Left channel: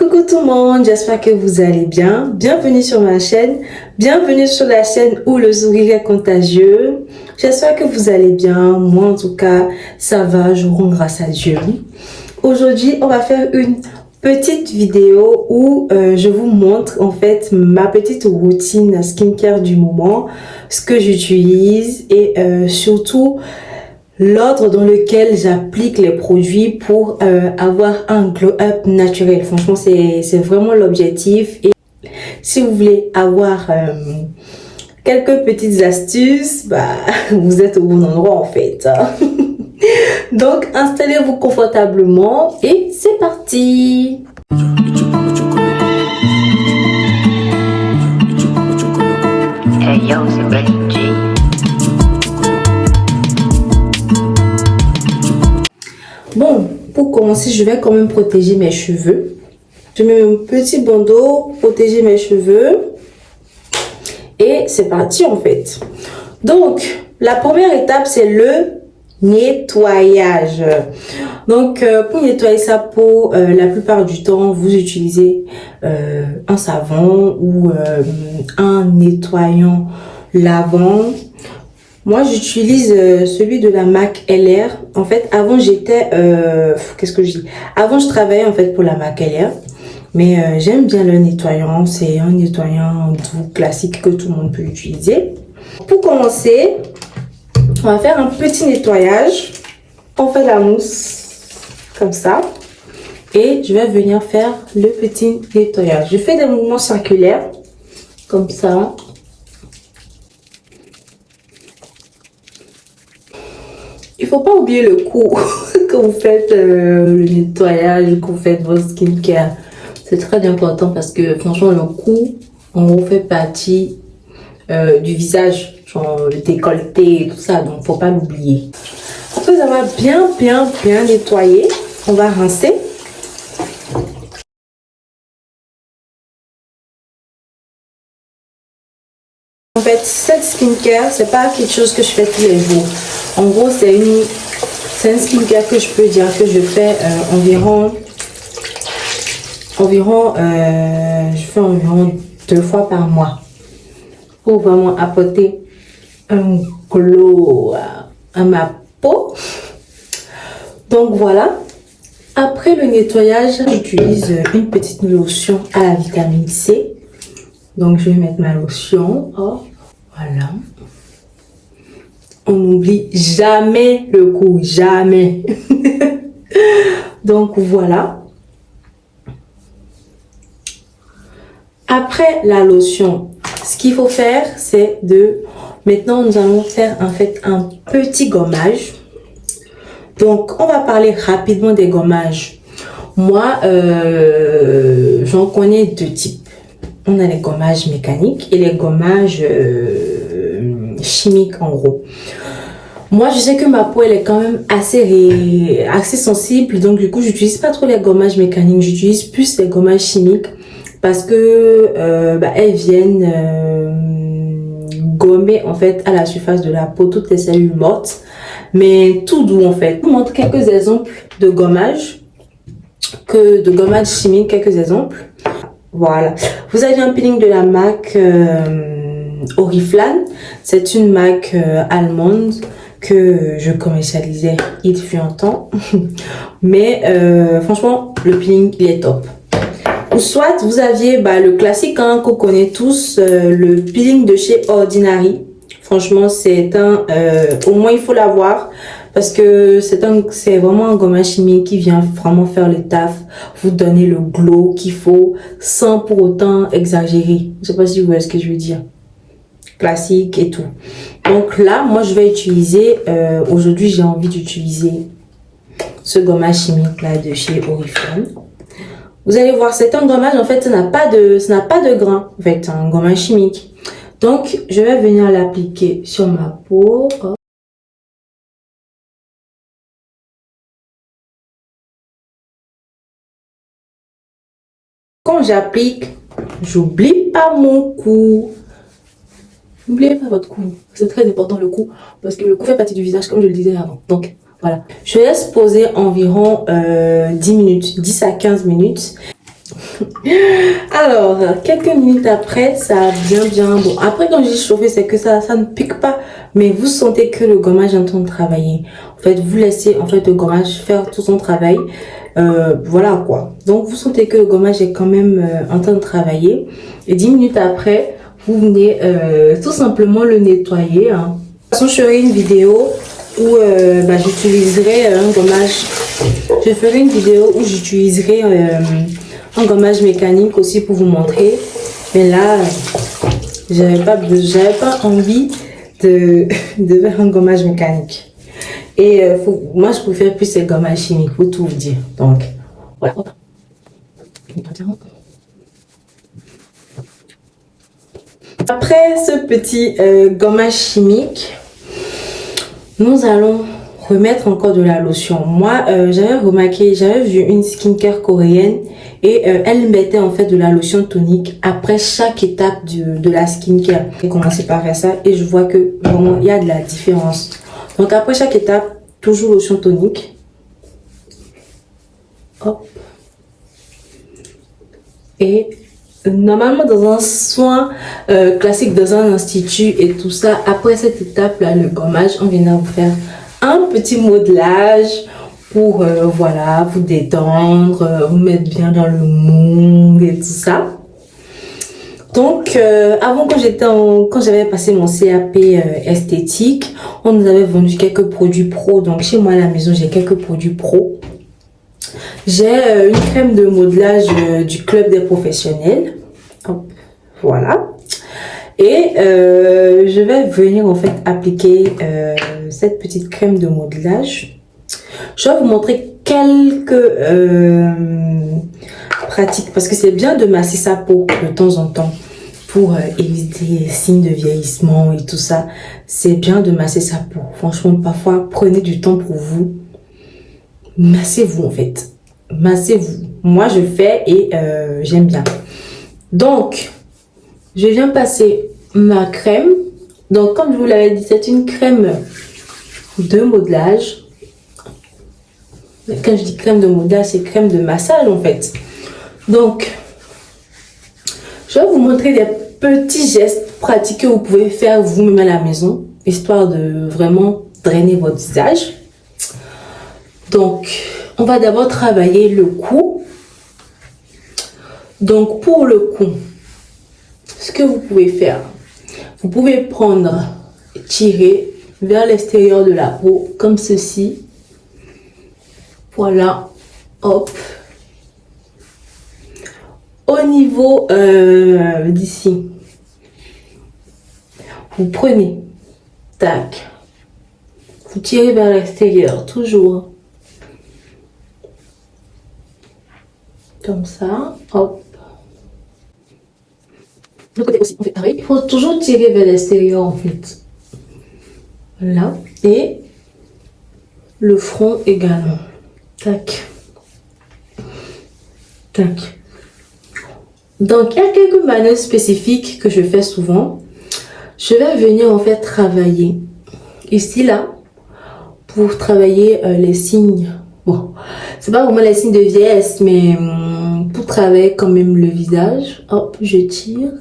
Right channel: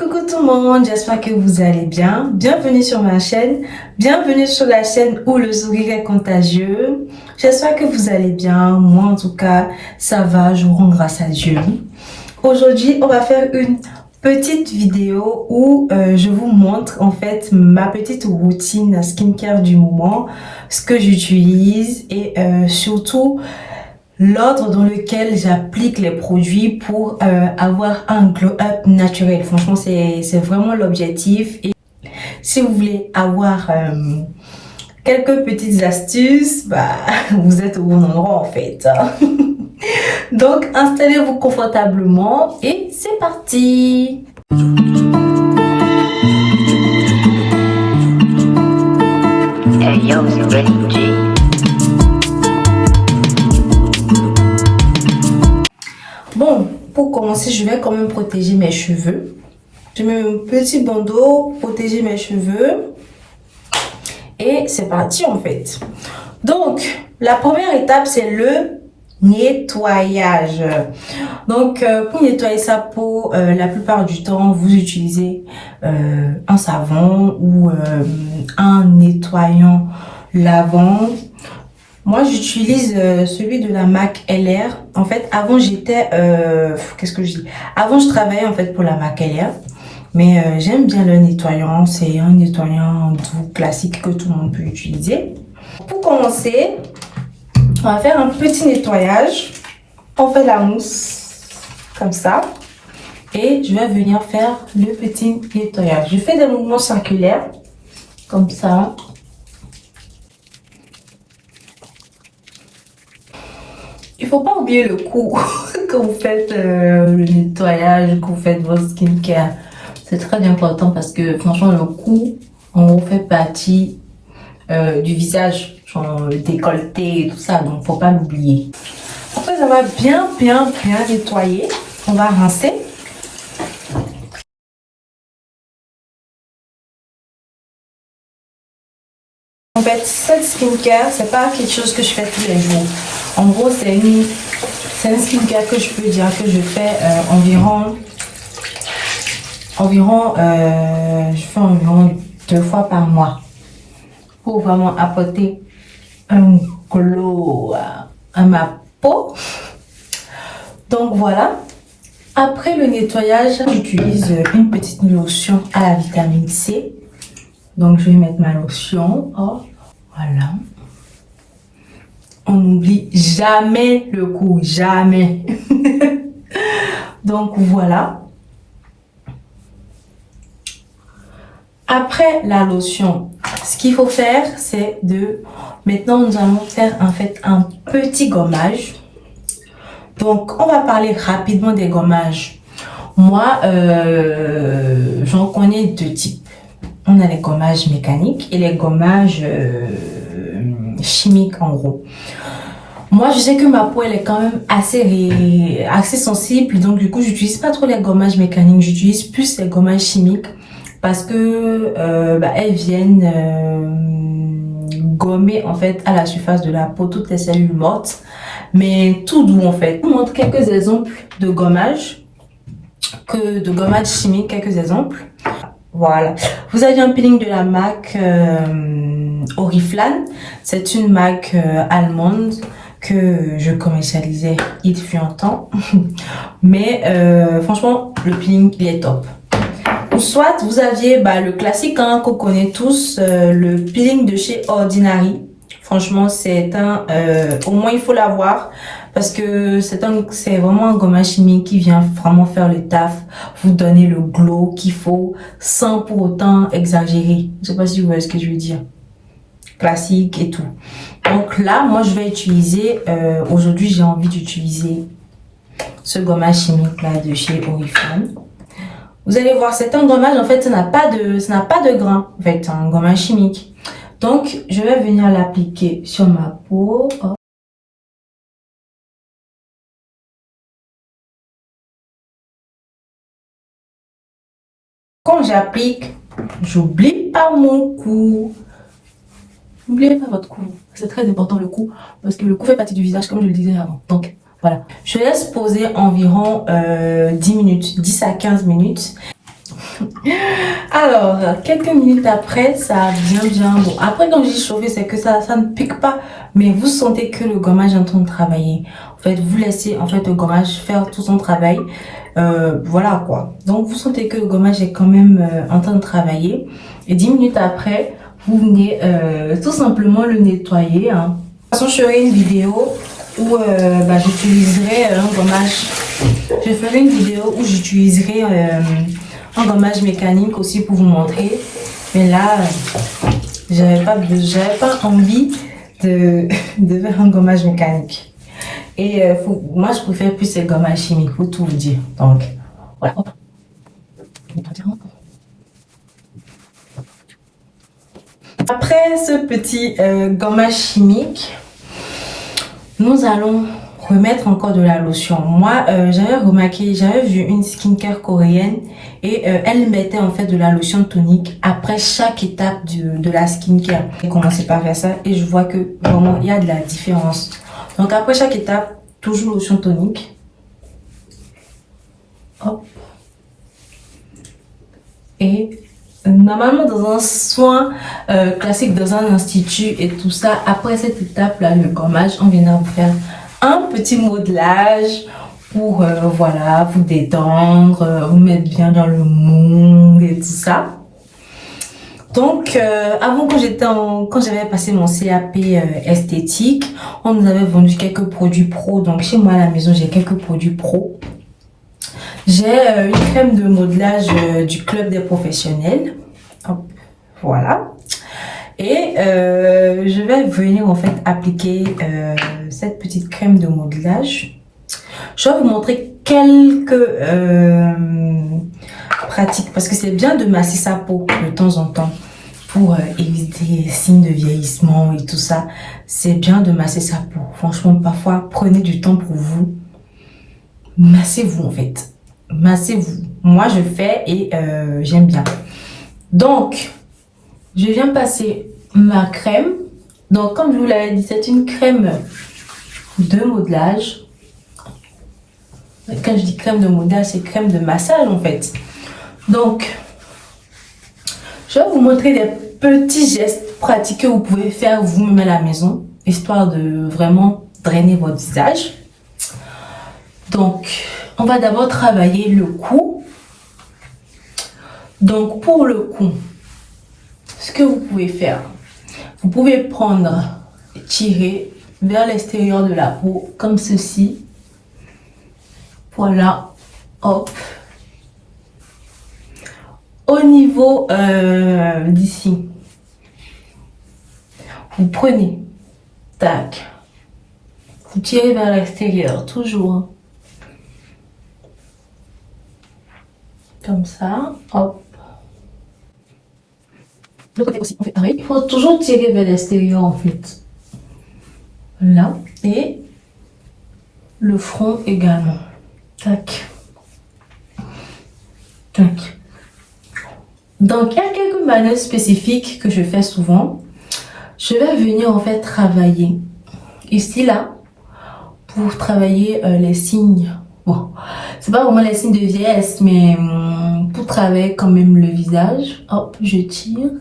Coucou tout le monde, j'espère que vous allez bien. Bienvenue sur ma chaîne, bienvenue sur la chaîne où le sourire est contagieux. J'espère que vous allez bien, moi en tout cas ça va, je rends grâce à Dieu. Aujourd'hui on va faire une petite vidéo où je vous montre en fait ma petite routine skincare du moment, ce que j'utilise et surtout l'ordre dans lequel j'applique les produits pour avoir un glow-up naturel. Franchement, c'est vraiment l'objectif. Et si vous voulez avoir quelques petites astuces, bah, vous êtes au bon endroit en fait. Donc, installez-vous confortablement et c'est parti! Hey yo, c'est Benny G. Bon, pour commencer, je vais quand même protéger mes cheveux. Je mets un petit bandeau, protéger mes cheveux. Et c'est parti en fait. Donc, la première étape, c'est le nettoyage. Donc, pour nettoyer sa peau, la plupart du temps, vous utilisez un savon ou un nettoyant lavant. Moi, j'utilise celui de la MAC LR. En fait, avant, j'étais... qu'est-ce que je dis? Avant, je travaillais en fait pour la MAC LR. Mais j'aime bien le nettoyant. C'est un nettoyant doux classique que tout le monde peut utiliser. Pour commencer, on va faire un petit nettoyage. On fait la mousse comme ça. Et je vais venir faire le petit nettoyage. Je fais des mouvements circulaires comme ça. Il faut pas oublier le coup que vous faites le nettoyage, que vous faites votre skincare. C'est très important parce que franchement, le cou, en gros, fait partie du visage, genre le décolleté et tout ça. Donc, faut pas l'oublier. Après avoir bien nettoyé, on va rincer. En fait, cette skincare, c'est pas quelque chose que je fais tous les jours. En gros, c'est une skincare que je peux dire que je fais je fais environ 2 fois par mois pour vraiment apporter un glow à ma peau. Donc voilà. Après le nettoyage, j'utilise une petite lotion à la vitamine C. Donc je vais mettre ma lotion. Oh, voilà. On n'oublie jamais le cou, jamais. Donc voilà. Après la lotion, ce qu'il faut faire, c'est de... Maintenant, nous allons faire en fait un petit gommage. Donc, on va parler rapidement des gommages. Moi, j'en connais 2 types. On a les gommages mécaniques et les gommages chimiques en gros. Moi, je sais que ma peau, elle est quand même assez sensible. Donc, du coup, j'utilise pas trop les gommages mécaniques. J'utilise plus les gommages chimiques parce que elles viennent gommer en fait à la surface de la peau toutes les cellules mortes. Mais tout doux en fait. Je vous montre quelques exemples de gommage chimiques, quelques exemples. Voilà. Vous avez un peeling de la marque Oriflame. C'est une marque allemande que je commercialisais il fut un temps. Mais franchement, le peeling, il est top. Ou soit, vous aviez le classique qu'on connaît tous, le peeling de chez Ordinary. Franchement, c'est au moins il faut l'avoir parce que c'est vraiment un gommage chimique qui vient vraiment faire le taf, vous donner le glow qu'il faut sans pour autant exagérer. Je sais pas si vous voyez ce que je veux dire. Classique et tout. Donc là, moi je vais utiliser, aujourd'hui j'ai envie d'utiliser ce gommage chimique là de chez Oriflame. Vous allez voir, c'est un gommage, en fait, ça n'a pas de grain, en fait, un gommage chimique. Donc, je vais venir l'appliquer sur ma peau. Oh. Quand j'applique, j'oublie pas mon cou. N'oubliez pas votre cou. C'est très important le cou, parce que le cou fait partie du visage, comme je le disais avant. Donc, voilà. Je laisse poser environ 10 minutes, 10 à 15 minutes. Alors, quelques minutes après, ça a bien bon. Après, quand je dis chauffer, c'est que ça ne pique pas, mais vous sentez que le gommage est en train de travailler. En fait, vous laissez en fait le gommage faire tout son travail. Voilà quoi. Donc, vous sentez que le gommage est quand même en train de travailler. Et 10 minutes après, vous venez tout simplement le nettoyer. Hein. De toute façon, je ferai une vidéo où j'utiliserai un gommage. Je ferai une vidéo où j'utiliserai un gommage mécanique aussi pour vous montrer. Mais là, j'avais pas envie de faire un gommage mécanique. Et moi, je préfère plus les gommages chimiques, pour tout vous dire. Donc, voilà. Après ce petit gommage chimique, nous allons remettre encore de la lotion. Moi, j'avais vu une skincare coréenne et elle mettait en fait de la lotion tonique après chaque étape de la skincare. J'ai commencé par faire ça et je vois que vraiment il y a de la différence. Donc après chaque étape, toujours lotion tonique. Hop. Et normalement dans un soin classique dans un institut et tout ça, après cette étape là, le gommage, on vient vous faire un petit modelage pour voilà, vous détendre, vous mettre bien dans le mood et tout ça. Donc avant quand j'avais passé mon CAP esthétique, on nous avait vendu quelques produits pro. Donc chez moi à la maison, j'ai quelques produits pro. J'ai une crème de modelage du club des professionnels. Hop, voilà. Et je vais venir en fait appliquer cette petite crème de modelage. Je vais vous montrer quelques pratiques parce que c'est bien de masser sa peau de temps en temps pour éviter les signes de vieillissement et tout ça. C'est bien de masser sa peau. Franchement, parfois, prenez du temps pour vous. Massez-vous en fait. Massez-vous. Moi, je fais et j'aime bien. Donc, je viens passer ma crème. Donc, comme je vous l'avais dit, c'est une crème de modelage. Quand je dis crème de modelage, c'est crème de massage en fait. Donc, je vais vous montrer des petits gestes pratiques que vous pouvez faire vous-même à la maison, histoire de vraiment drainer votre visage. Donc, on va d'abord travailler le cou. Donc, pour le cou, ce que vous pouvez faire, vous pouvez prendre et tirer vers l'extérieur de la peau, comme ceci. Voilà, hop. Au niveau d'ici, vous prenez, tac, vous tirez vers l'extérieur, toujours. Comme ça, hop. De l'autre côté aussi, on fait pareil. Il faut toujours tirer vers l'extérieur en fait. Là, et le front également. Tac. Tac. Donc, il y a quelques manœuvres spécifiques que je fais souvent. Je vais venir en fait travailler ici, là, pour travailler les signes. Bon, c'est pas vraiment les signes de vieillesse, mais pour travailler quand même le visage. Hop, je tire.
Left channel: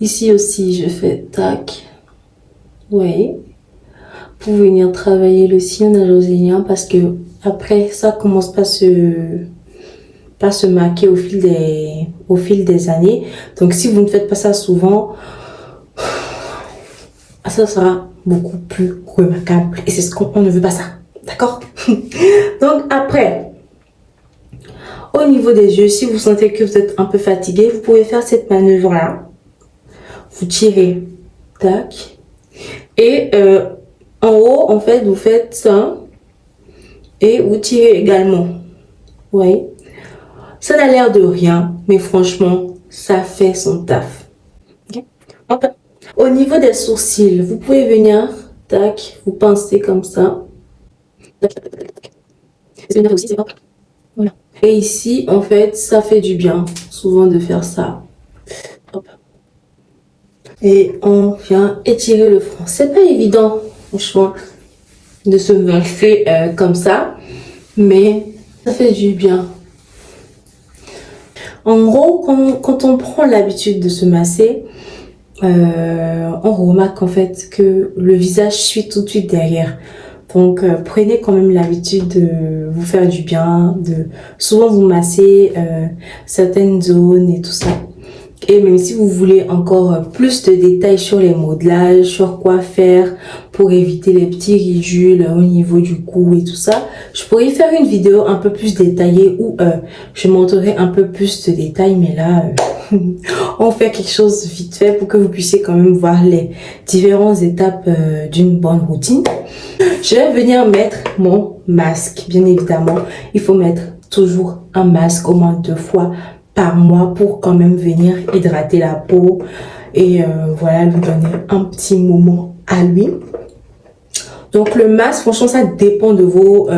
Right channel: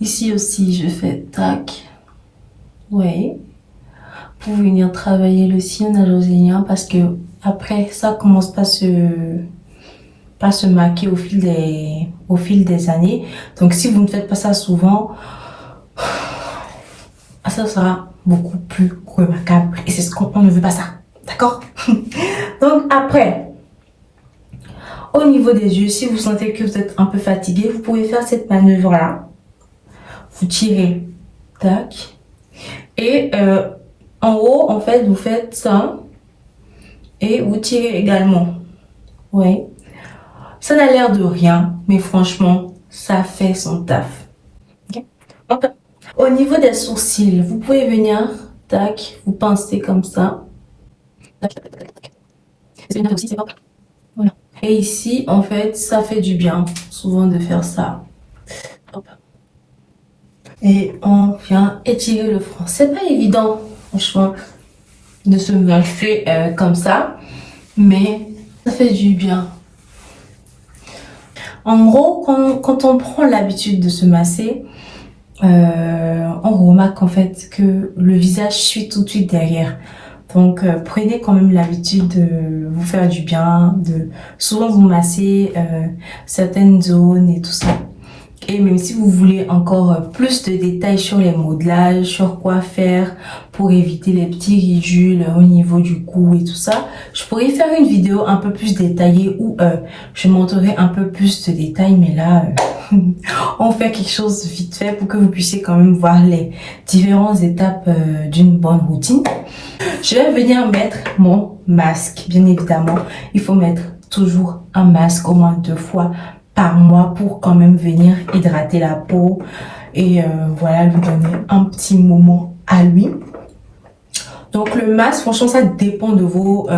Ici aussi, je fais tac. Oui. Pour venir travailler le sillon nasoséen parce que après, ça commence pas se marquer au fil des années. Donc, si vous ne faites pas ça souvent, ça sera beaucoup plus remarquable. Et c'est ce qu'on ne veut pas ça. D'accord? Donc, après, au niveau des yeux, si vous sentez que vous êtes un peu fatigué, vous pouvez faire cette manœuvre-là. Vous tirez, tac. Et en haut, en fait, vous faites ça. Et vous tirez également. Ouais. Ça n'a l'air de rien, mais franchement, ça fait son taf. Okay. Hop. Au niveau des sourcils, vous pouvez venir, tac, vous pincez comme ça. Tac, tac, tac, tac. Et aussi, c'est pas. Voilà. Et ici, en fait, ça fait du bien, souvent de faire ça. Hop. Et on vient étirer le front. C'est pas évident, franchement, de se masser comme ça, mais ça fait du bien. En gros, quand on prend l'habitude de se masser, on remarque en fait que le visage suit tout de suite derrière. Donc, prenez quand même l'habitude de vous faire du bien, de souvent vous masser certaines zones et tout ça. Et même si vous voulez encore plus de détails sur les modelages, sur quoi faire pour éviter les petits ridules au niveau du cou et tout ça, je pourrais faire une vidéo un peu plus détaillée où je montrerai un peu plus de détails. Mais là, on fait quelque chose vite fait pour que vous puissiez quand même voir les différentes étapes d'une bonne routine. Je vais venir mettre mon masque. Bien évidemment, il faut mettre toujours un masque au moins 2 fois par mois pour quand même venir hydrater la peau et voilà, lui donner un petit moment à lui. Donc le masque, franchement, ça dépend de vos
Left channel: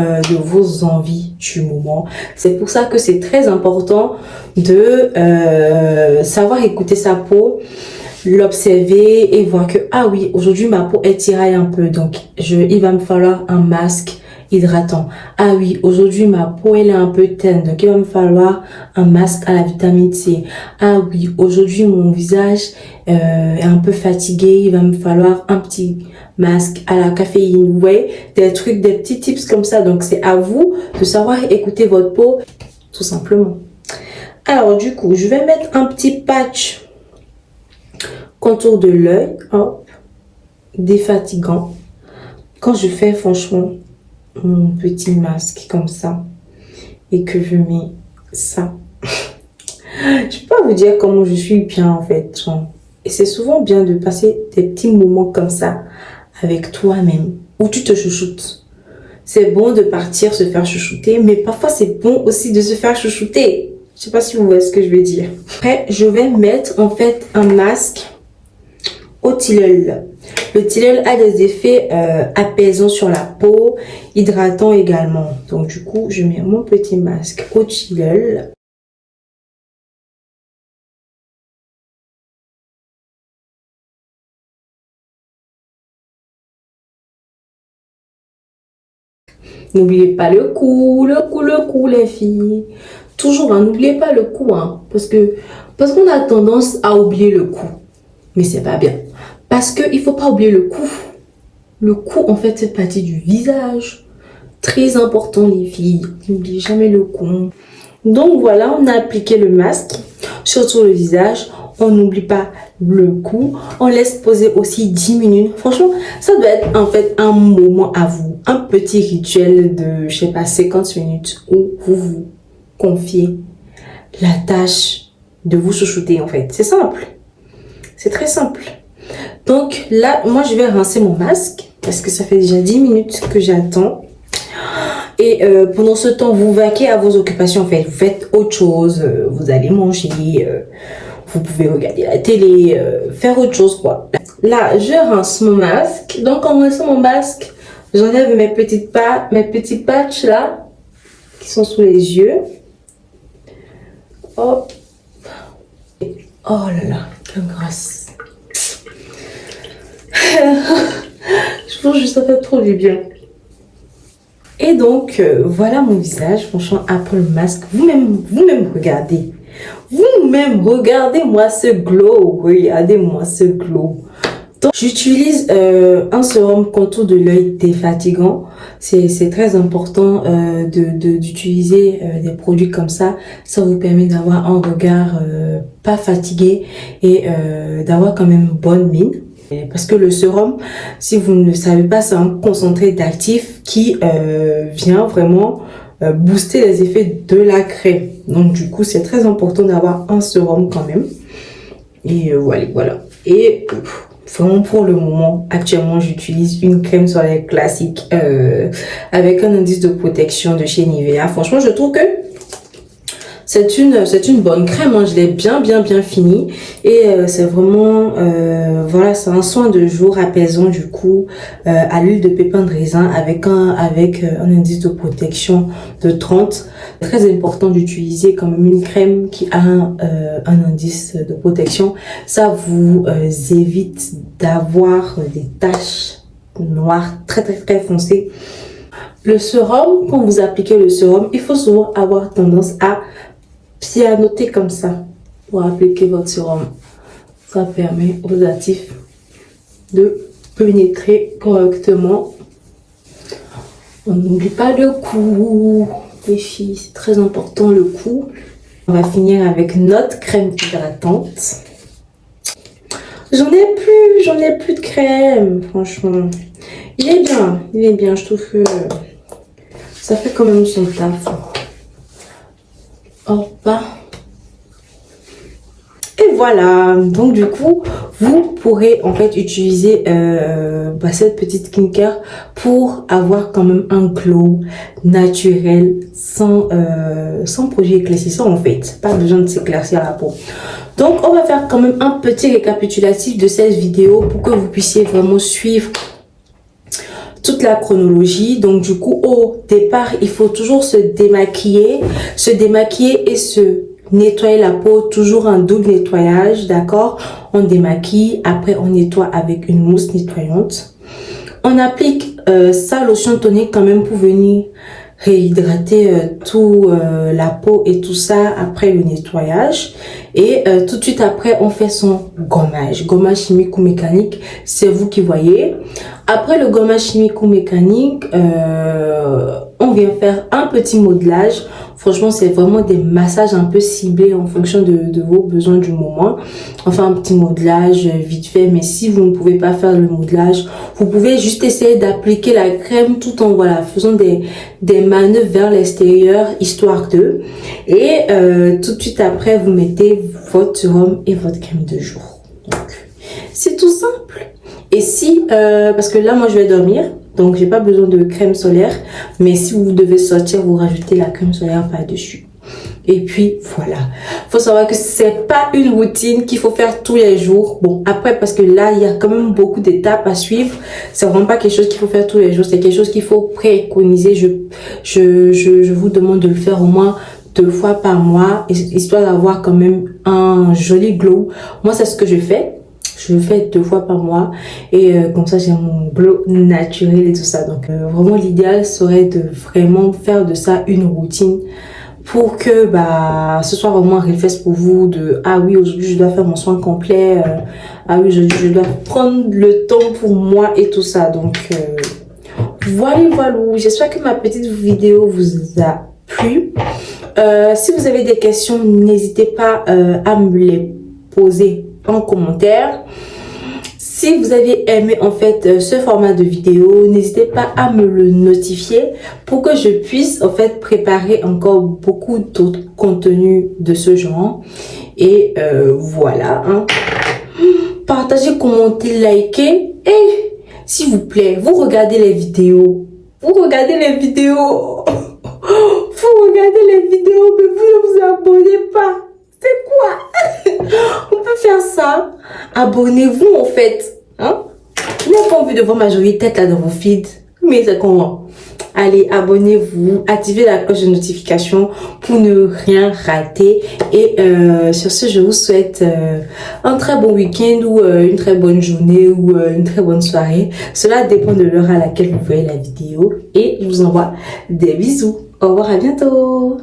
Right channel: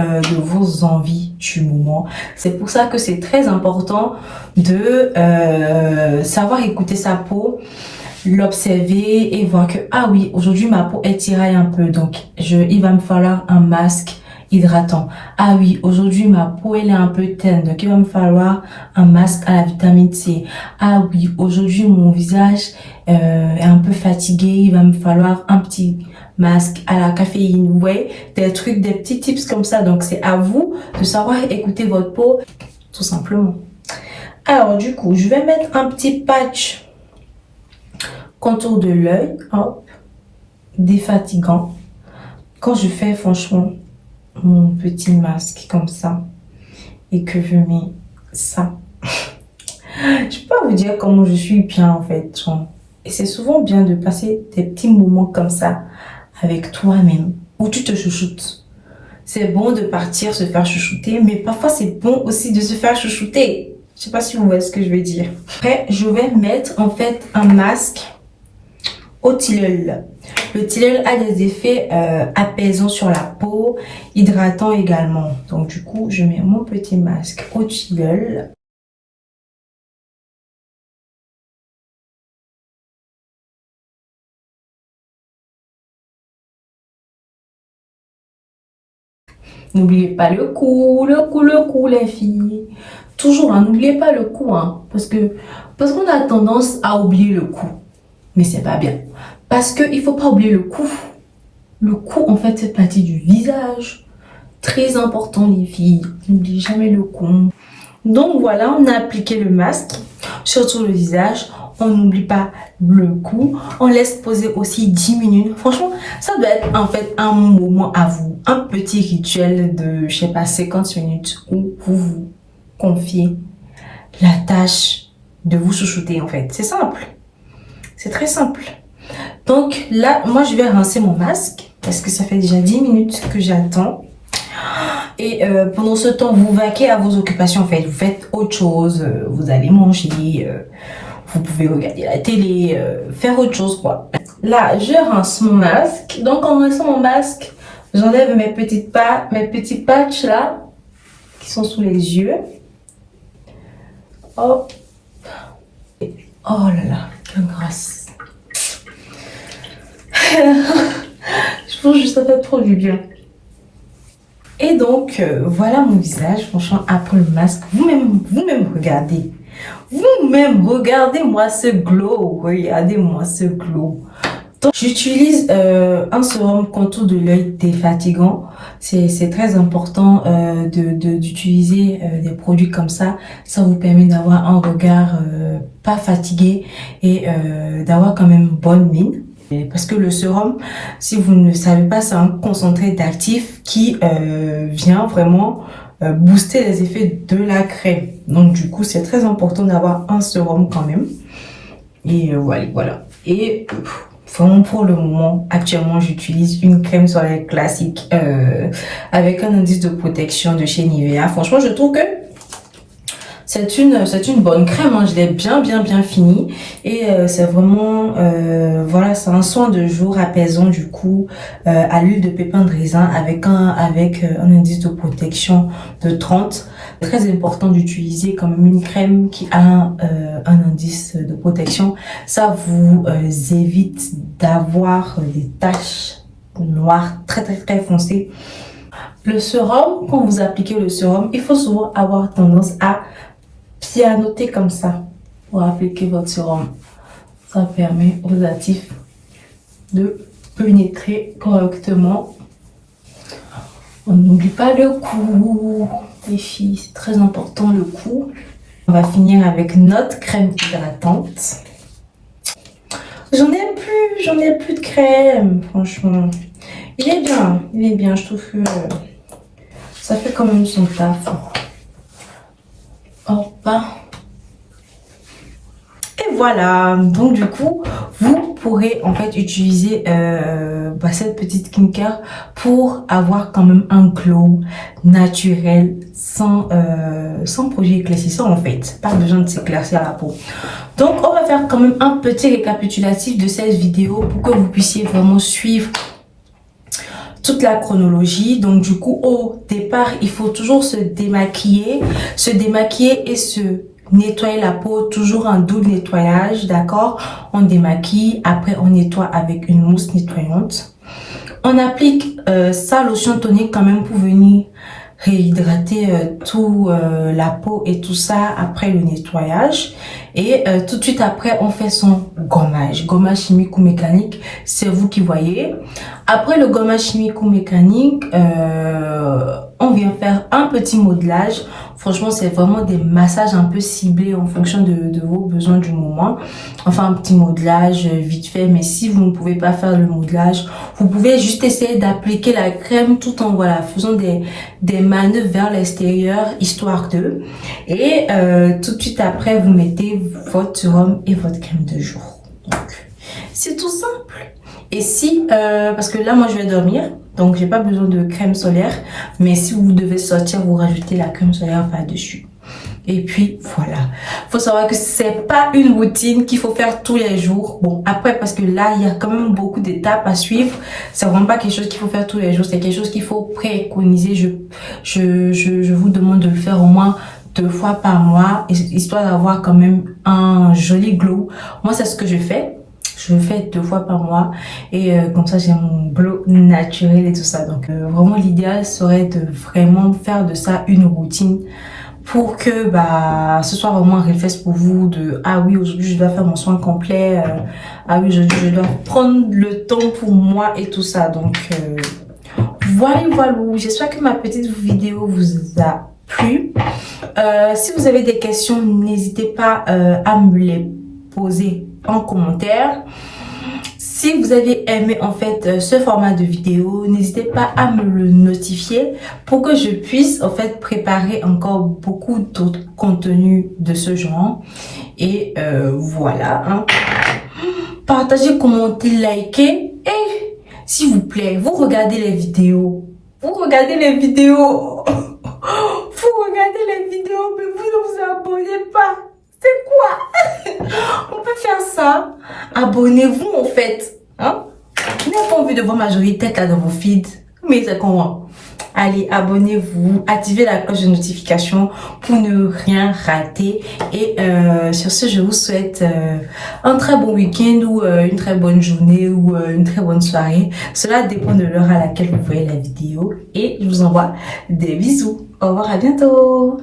envies du moment. C'est pour ça que c'est très important de savoir écouter sa peau, l'observer et voir que ah oui, aujourd'hui ma peau elle tiraille un peu, donc il va me falloir un masque hydratant. Ah oui, aujourd'hui ma peau elle est un peu terne, donc il va me falloir un masque à la vitamine C. Ah oui, aujourd'hui mon visage est un peu fatigué, il va me falloir un petit masque à la caféine. Vous voyez, des trucs, des petits tips comme ça. Donc c'est à vous de savoir écouter votre peau tout simplement. Alors du coup, je vais mettre un petit patch contour de l'œil, hop, défatigant. Quand je fais franchement mon petit masque comme ça et que je mets ça, je peux pas vous dire comment je suis bien en fait. Et c'est souvent bien de passer des petits moments comme ça avec toi-même où tu te chouchoutes. C'est bon de partir se faire chouchouter, mais parfois c'est bon aussi de se faire chouchouter. Je sais pas si vous voyez ce que je veux dire. Après, je vais mettre en fait un masque au tilleul. Le tilleul a des effets apaisants sur la peau, hydratants également. Donc du coup, je mets mon petit masque au tilleul. N'oubliez pas le cou, les filles. Toujours, hein, n'oubliez pas le cou, hein, parce qu'on a tendance à oublier le cou. Mais c'est pas bien. Parce qu'il ne faut pas oublier le cou. Le cou, en fait, c'est partie du visage. Très important, les filles. N'oubliez jamais le cou. Donc voilà, on a appliqué le masque sur tout le visage. On n'oublie pas le cou. On laisse poser aussi 10 minutes. Franchement, ça doit être en fait un moment à vous. Un petit rituel de, je sais pas, 50 minutes où vous vous confiez la tâche de vous chouchouter en fait. C'est simple. C'est très simple. Donc là, moi je vais rincer mon masque parce que ça fait déjà 10 minutes que j'attends. Et pendant ce temps, vous vaquez à vos occupations en fait. Vous faites autre chose. Vous allez manger. Vous pouvez regarder la télé. Faire autre chose quoi. Là, je rince mon masque. Donc en rinçant mon masque, j'enlève mes petits patchs là qui sont sous les yeux. Hop. Oh là là, quelle grâce. Je pense que ça fait trop du bien. Et donc, voilà mon visage, franchement, après le masque. Vous-même regardez. Vous-même, regardez-moi ce glow. Regardez-moi ce glow. Donc, j'utilise un sérum contour de l'œil défatigant. C'est très important d'utiliser des produits comme ça. Ça vous permet d'avoir un regard pas fatigué et d'avoir quand même bonne mine. Parce que le sérum, si vous ne le savez pas, c'est un concentré d'actif qui vient vraiment booster les effets de la crème. Donc du coup, c'est très important d'avoir un sérum quand même. Et voilà. Et vraiment pour le moment, actuellement, j'utilise une crème solaire classique avec un indice de protection de chez Nivea. Franchement, je trouve que c'est une bonne crème, hein. Je l'ai bien finie et c'est vraiment voilà, c'est un soin de jour apaisant du coup à l'huile de pépin de raisin avec un indice de protection de 30. Très important d'utiliser quand même une crème qui a un indice de protection. Ça vous évite d'avoir des taches noires très foncées. Le sérum, quand vous appliquez le sérum, il faut souvent avoir tendance à pianoter comme ça pour appliquer votre sérum. Ça permet aux actifs de pénétrer correctement. On n'oublie pas le cou, les filles, c'est très important le cou. On va finir avec notre crème hydratante. J'en ai plus de crème, franchement. Il est bien, je trouve que ça fait quand même son taf. Hop. Et voilà, donc du coup, vous pourrez en fait utiliser cette petite skincare pour avoir quand même un glow naturel sans produit éclaircissant en fait. Pas besoin de s'éclaircir la peau. Donc on va faire quand même un petit récapitulatif de cette vidéo pour que vous puissiez vraiment suivre toute la chronologie. Donc du coup, au départ, il faut toujours se démaquiller et se nettoyer la peau, toujours un double nettoyage, d'accord? On démaquille, après on nettoie avec une mousse nettoyante. On applique sa lotion tonique quand même pour venir réhydrater tout la peau et tout ça après le nettoyage. Et tout de suite après, on fait son gommage chimique ou mécanique, c'est vous qui voyez. Après le gommage chimique ou mécanique, on vient faire un petit modelage. Franchement, c'est vraiment des massages un peu ciblés en fonction de vos besoins du moment. Enfin, un petit modelage vite fait, mais si vous ne pouvez pas faire le modelage, vous pouvez juste essayer d'appliquer la crème tout en faisant des manœuvres vers l'extérieur, histoire de. Et tout de suite après, vous mettez votre sérum et votre crème de jour. Donc, c'est tout simple. Et si, parce que là, moi, je vais dormir, donc j'ai pas besoin de crème solaire. Mais si vous devez sortir, vous rajoutez la crème solaire par-dessus. Et puis, voilà. Faut savoir que c'est pas une routine qu'il faut faire tous les jours. Bon, après, parce que là, il y a quand même beaucoup d'étapes à suivre. C'est vraiment pas quelque chose qu'il faut faire tous les jours. C'est quelque chose qu'il faut préconiser. Je vous demande de le faire au moins 2 fois par mois, histoire d'avoir quand même un joli glow. Moi, c'est ce que je fais. Je le fais 2 fois par mois et comme ça j'ai mon glow naturel et tout ça. Donc vraiment l'idéal serait de vraiment faire de ça une routine pour que ce soit vraiment un réflexe pour vous de ah oui, aujourd'hui je dois faire mon soin complet, ah oui, aujourd'hui je dois prendre le temps pour moi et tout ça. Donc voilà, j'espère que ma petite vidéo vous a plu. Si vous avez des questions, n'hésitez pas à me les poser en commentaire. Si vous avez aimé en fait ce format de vidéo, n'hésitez pas à me le notifier pour que je puisse en fait préparer encore beaucoup d'autres contenus de ce genre. Et voilà, hein. Partagez, commentez, likez et s'il vous plaît, vous regardez les vidéos. Vous regardez les vidéos, mais vous ne vous abonnez pas. C'est quoi? On peut faire ça. Abonnez-vous en fait. Hein? Vous n'avez pas envie de voir ma jolie tête là dans vos feeds. Mais c'est comment? Allez, abonnez-vous. Activez la cloche de notification pour ne rien rater. Et sur ce, je vous souhaite un très bon week-end ou une très bonne journée ou une très bonne soirée. Cela dépend de l'heure à laquelle vous voyez la vidéo. Et je vous envoie des bisous. Au revoir, à bientôt.